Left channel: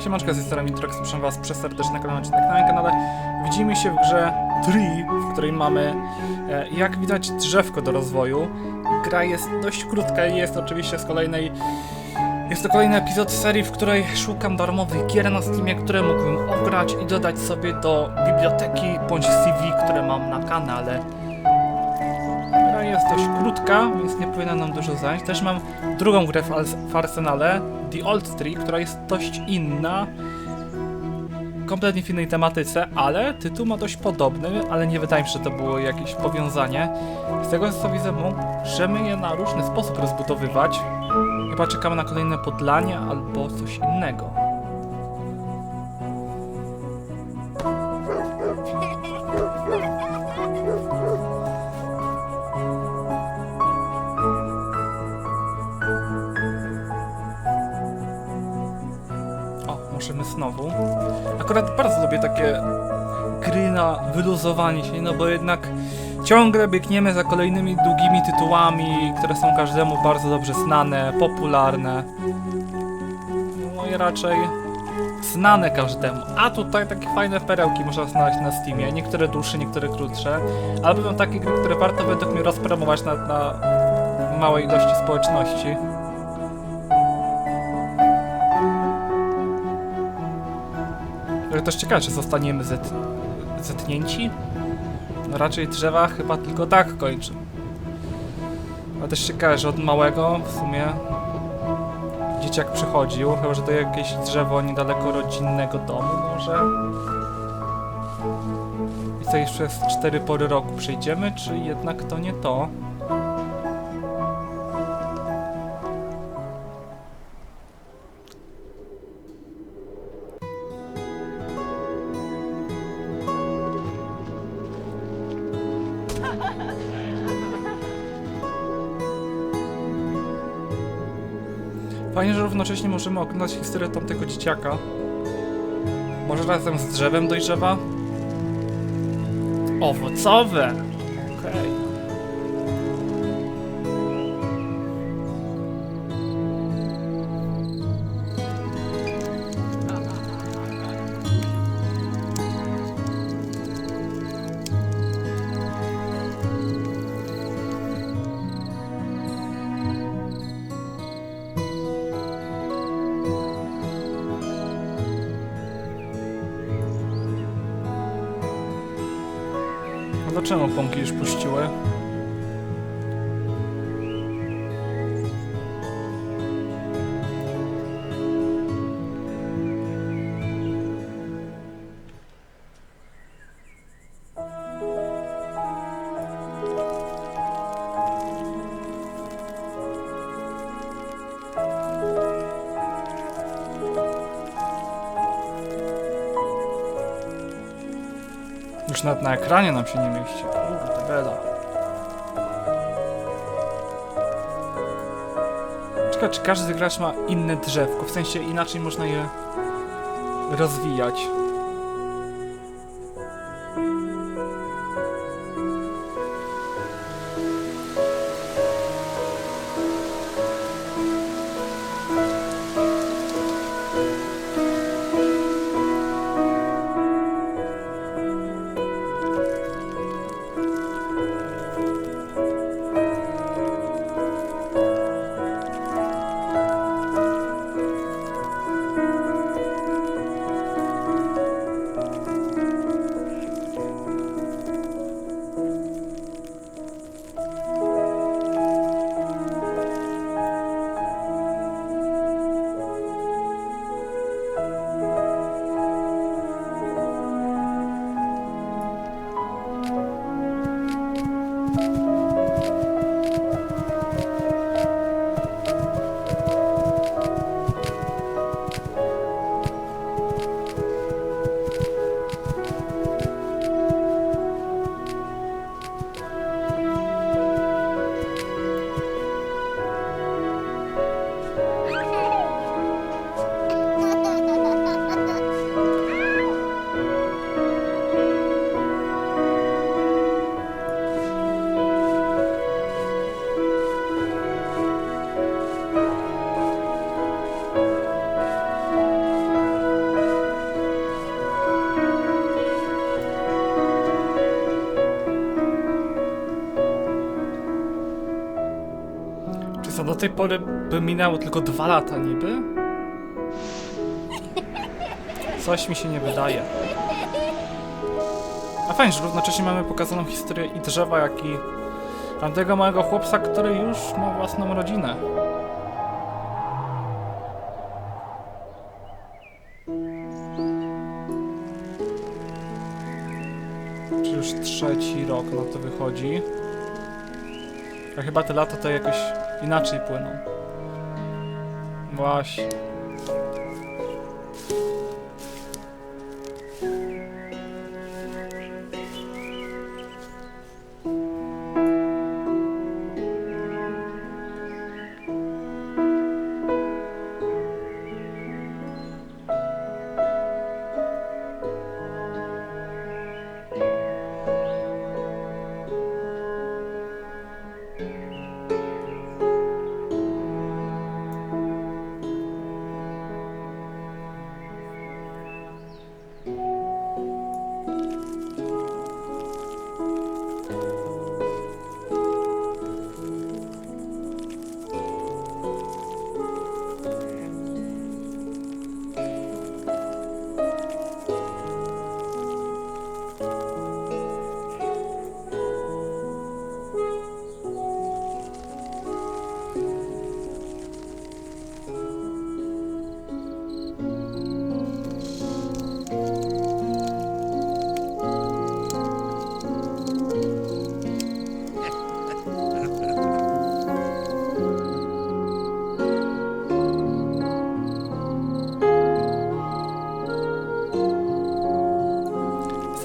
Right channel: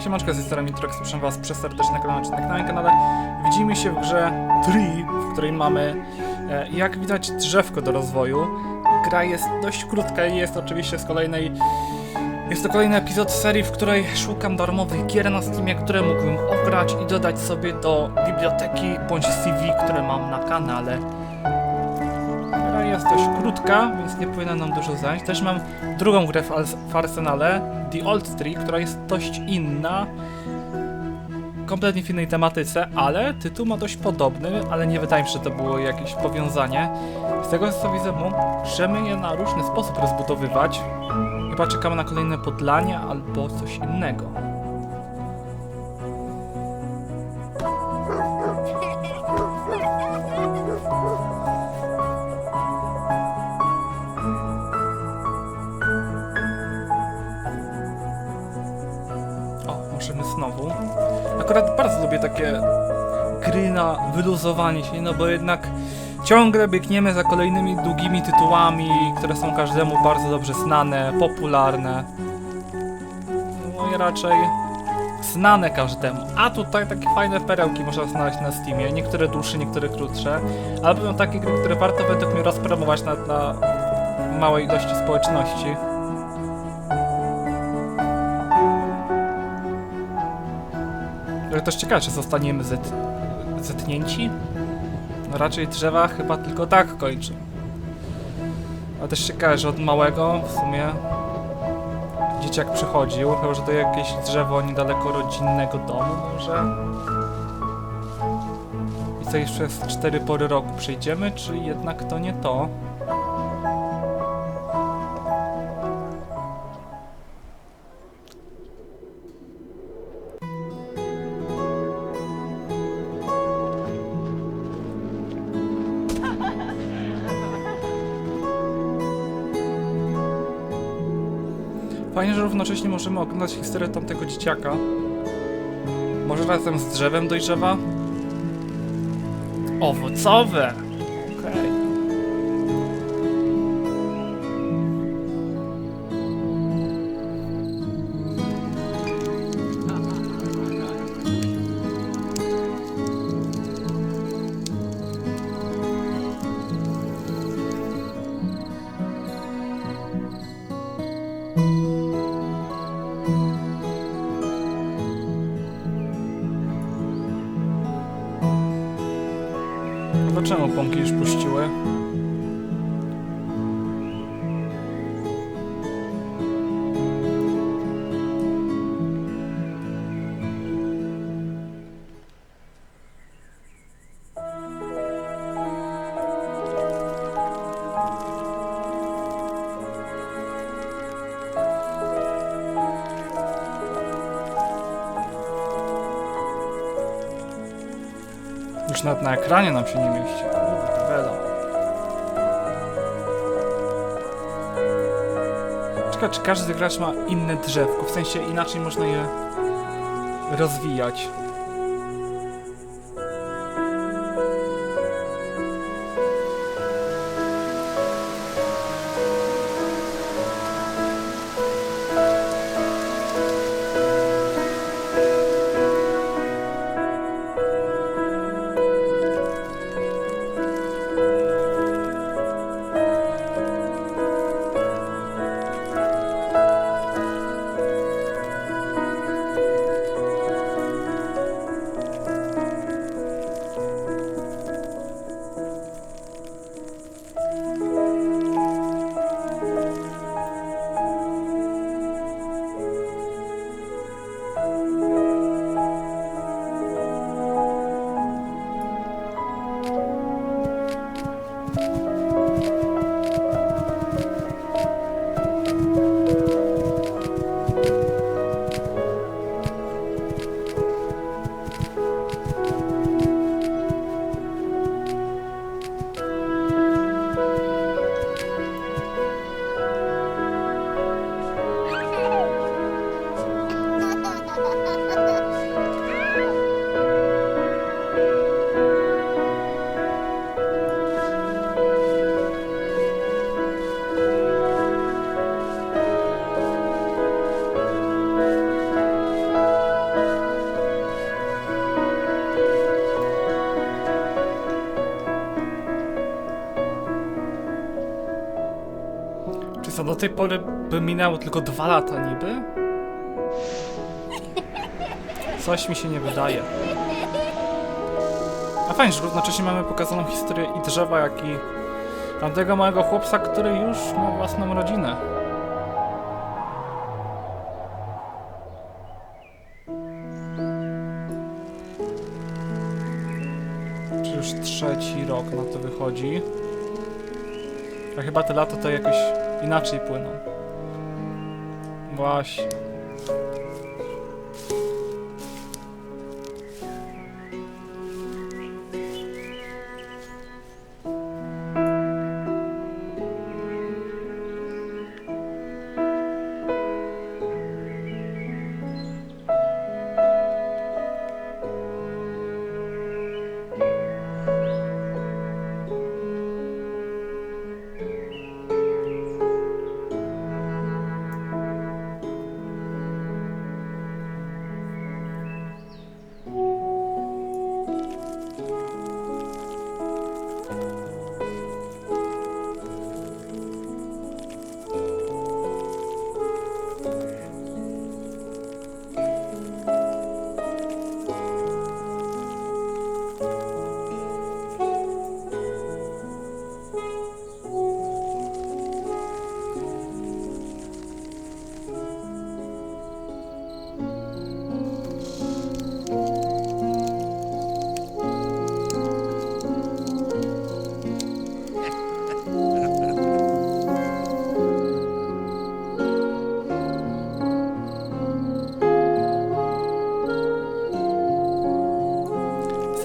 Siemanczka, z tej strony Mitrox, proszę was przez serdeczny kanał odcinek na moim kanale. Widzimy się w grze Tree, w której mamy, e, jak widać, drzewko do rozwoju. Gra jest dość krótka i jest oczywiście z kolejnej... Jest to kolejny epizod serii, w której szukam darmowych gier na Steamie, które mógłbym ograć i dodać sobie do biblioteki bądź CV, które mam na kanale. Gra jest dość krótka, więc nie powinna nam dużo zająć. Też mam drugą grę w, w Arsenale, The Old Tree, która jest dość inna. Kompletnie w innej tematyce, ale tytuł ma dość podobny, ale nie wydaje mi się, że to było jakieś powiązanie. Z tego co widzę, możemy je na różny sposób rozbudowywać. Chyba czekamy na kolejne podlanie albo coś innego. Znowu. Akurat bardzo lubię takie gry na wyluzowanie się, no bo jednak ciągle biegniemy za kolejnymi długimi tytułami, które są każdemu bardzo dobrze znane, popularne. No i raczej znane każdemu. A tutaj takie fajne perełki można znaleźć na Steamie, niektóre dłuższe, niektóre krótsze, ale będą takie gry, które warto według mnie rozpromować na, na małej ilości społeczności. Ale też ciekawe, czy zostaniemy zet, zetnięci? No raczej drzewa chyba tylko tak kończą. Ale też ciekawe, że od małego w sumie dzieciak przychodził, chyba że to jakieś drzewo niedaleko rodzinnego domu może. I co jeszcze przez cztery pory roku przejdziemy, czy jednak to nie to? Fajnie, że równocześnie możemy oglądać historię tamtego dzieciaka. Może razem z drzewem dojrzewa? Owocowe! Okej. Dlaczego pąki już puściły? Już nawet na ekranie nam się nie mieści. Kurde, bela. Ciekawe, czy każdy gracz ma inne drzewko, w sensie inaczej można je rozwijać. Co do tej pory by minęło tylko dwa lata niby? Coś mi się nie wydaje. A fajnie, że równocześnie mamy pokazaną historię i drzewa, jak i tamtego małego chłopca, który już ma własną rodzinę. Czy już trzeci rok na to wychodzi? A chyba te lata to jakoś inaczej płyną. Właśnie.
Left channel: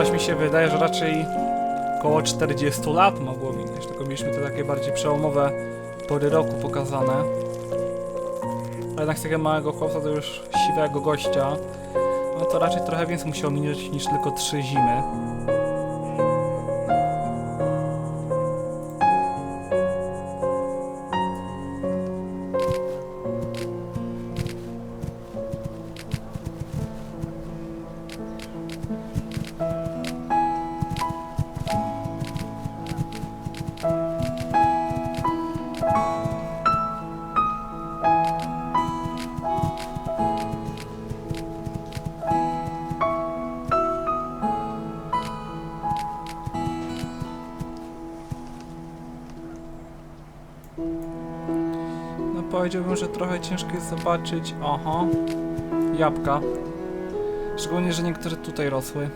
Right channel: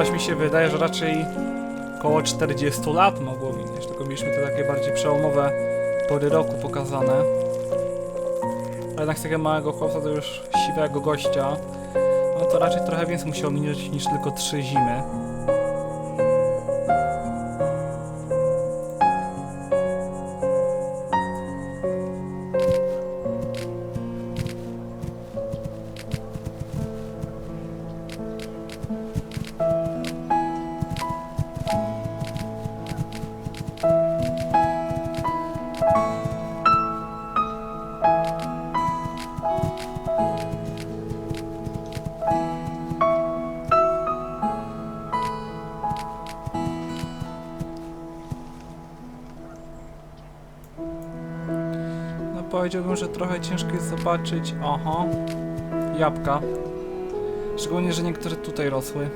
Coś mi się wydaje, że raczej około 40 lat mogło minąć, tylko mieliśmy te takie bardziej przełomowe pory roku pokazane. A jednak z takiego małego chłopca to już siwego gościa, no to raczej trochę więcej musiało minąć niż tylko trzy zimy. Powiedziałbym, że trochę ciężko jest zobaczyć. Oho. Jabłka. Szczególnie, że niektóre tutaj rosły.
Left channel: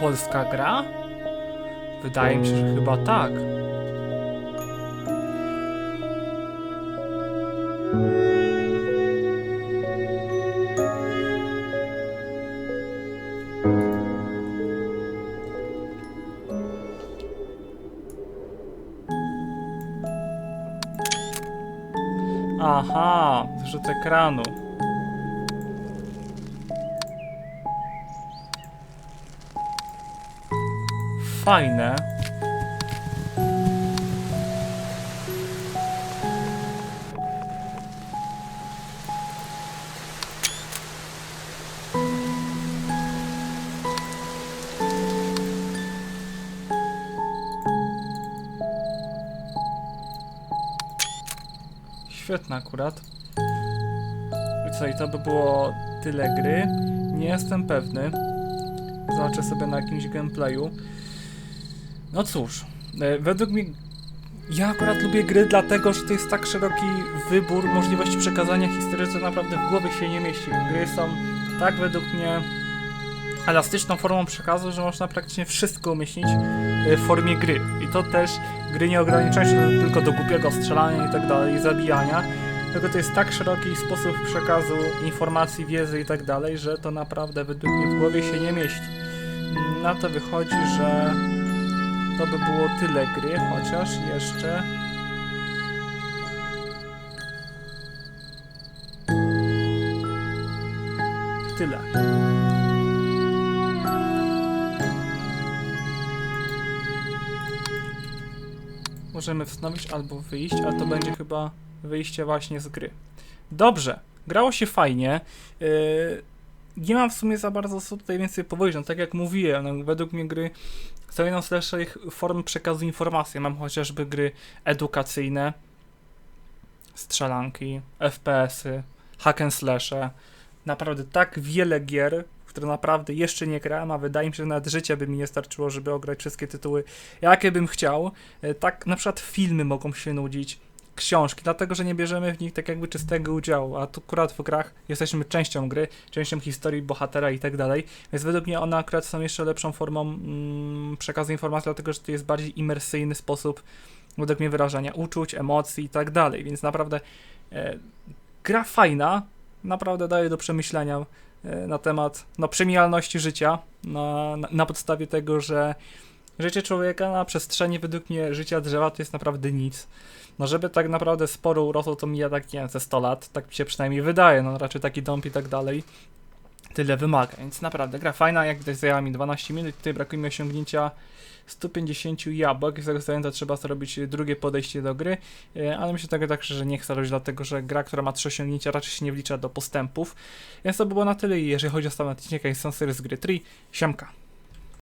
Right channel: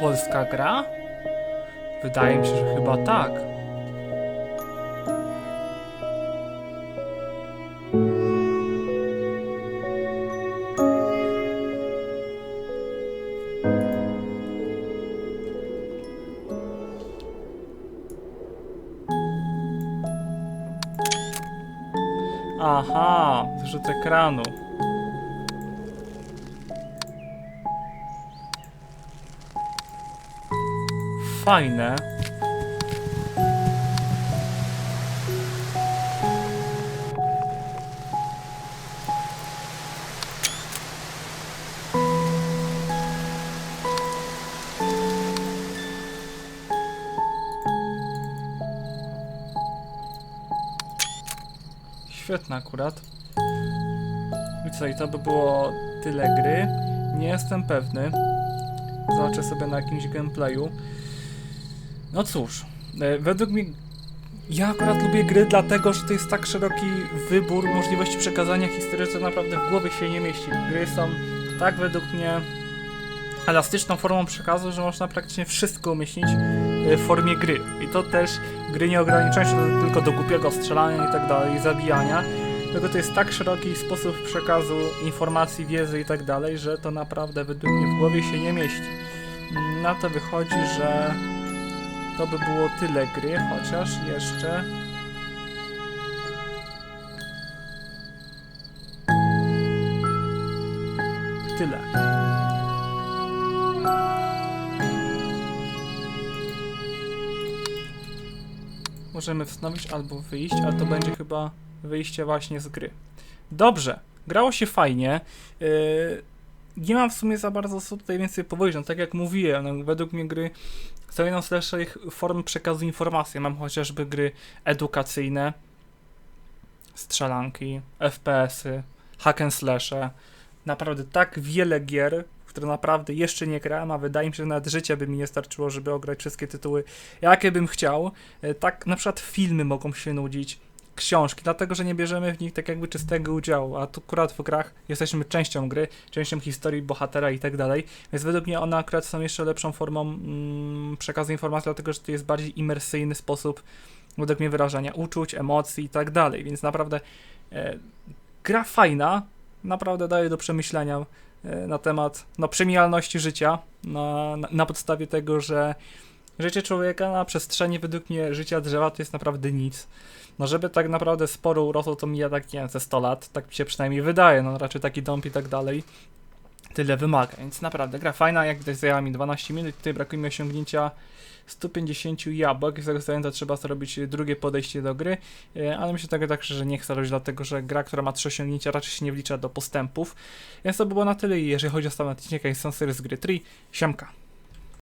Polska gra? Wydaje mi się, że chyba tak. Aha, zrzut ekranu. Fajne. Świetne akurat. I co, i to by było tyle gry. Nie jestem pewny. Zobaczę sobie na jakimś gameplayu. No cóż, e, według mnie ja akurat lubię gry dlatego, że to jest tak szeroki wybór możliwości przekazania historii, że naprawdę w głowie się nie mieści. Gry są tak według mnie elastyczną formą przekazu, że można praktycznie wszystko umieścić w formie gry. I to też gry nie ograniczają się tylko do głupiego strzelania i tak dalej, zabijania, tylko to jest tak szeroki sposób przekazu informacji, wiedzy i tak dalej, że to naprawdę według mnie w głowie się nie mieści. Na to wychodzi, że to by było tyle gry, chociaż jeszcze... Tyle. Możemy wznowić albo wyjść, ale to będzie chyba wyjście właśnie z gry. Dobrze, grało się fajnie. Yy, nie mam w sumie za bardzo co tutaj więcej powiedzieć. No, tak jak mówiłem, no, według mnie gry są jedną z lepszych form przekazu informacji. Mam chociażby gry edukacyjne, strzelanki, FPS-y, hack and slashe. Naprawdę tak wiele gier, które naprawdę jeszcze nie grałem, a wydaje mi się, że nawet życia by mi nie starczyło, żeby ograć wszystkie tytuły, jakie bym chciał. E, Tak na przykład filmy mogą się nudzić, książki, dlatego że nie bierzemy w nich tak jakby czystego udziału, a tu akurat w grach jesteśmy częścią gry, częścią historii bohatera i tak dalej, więc według mnie one akurat są jeszcze lepszą formą mm, przekazu informacji, dlatego że to jest bardziej imersyjny sposób według mnie wyrażania uczuć, emocji i tak dalej, więc naprawdę e, gra fajna, naprawdę daje do przemyślenia na temat no, przemijalności życia, na, na, na podstawie tego, że życie człowieka na przestrzeni według mnie życia drzewa to jest naprawdę nic. No żeby tak naprawdę sporo urosło, to mija tak, nie wiem, ze 100 lat, tak mi się przynajmniej wydaje, no raczej taki dąb i tak dalej. Tyle wymaga, więc naprawdę gra fajna, jak widać zajęła mi 12 minut, tutaj brakuje mi osiągnięcia 150 jabłek, z tego względu trzeba zrobić drugie podejście do gry, e, ale myślę tego tak, że nie chcę robić, dlatego że gra, która ma 3 osiągnięcia raczej się nie wlicza do postępów, więc to by było na tyle i jeżeli chodzi o odcinek, jest są serii z gry 3, siemka.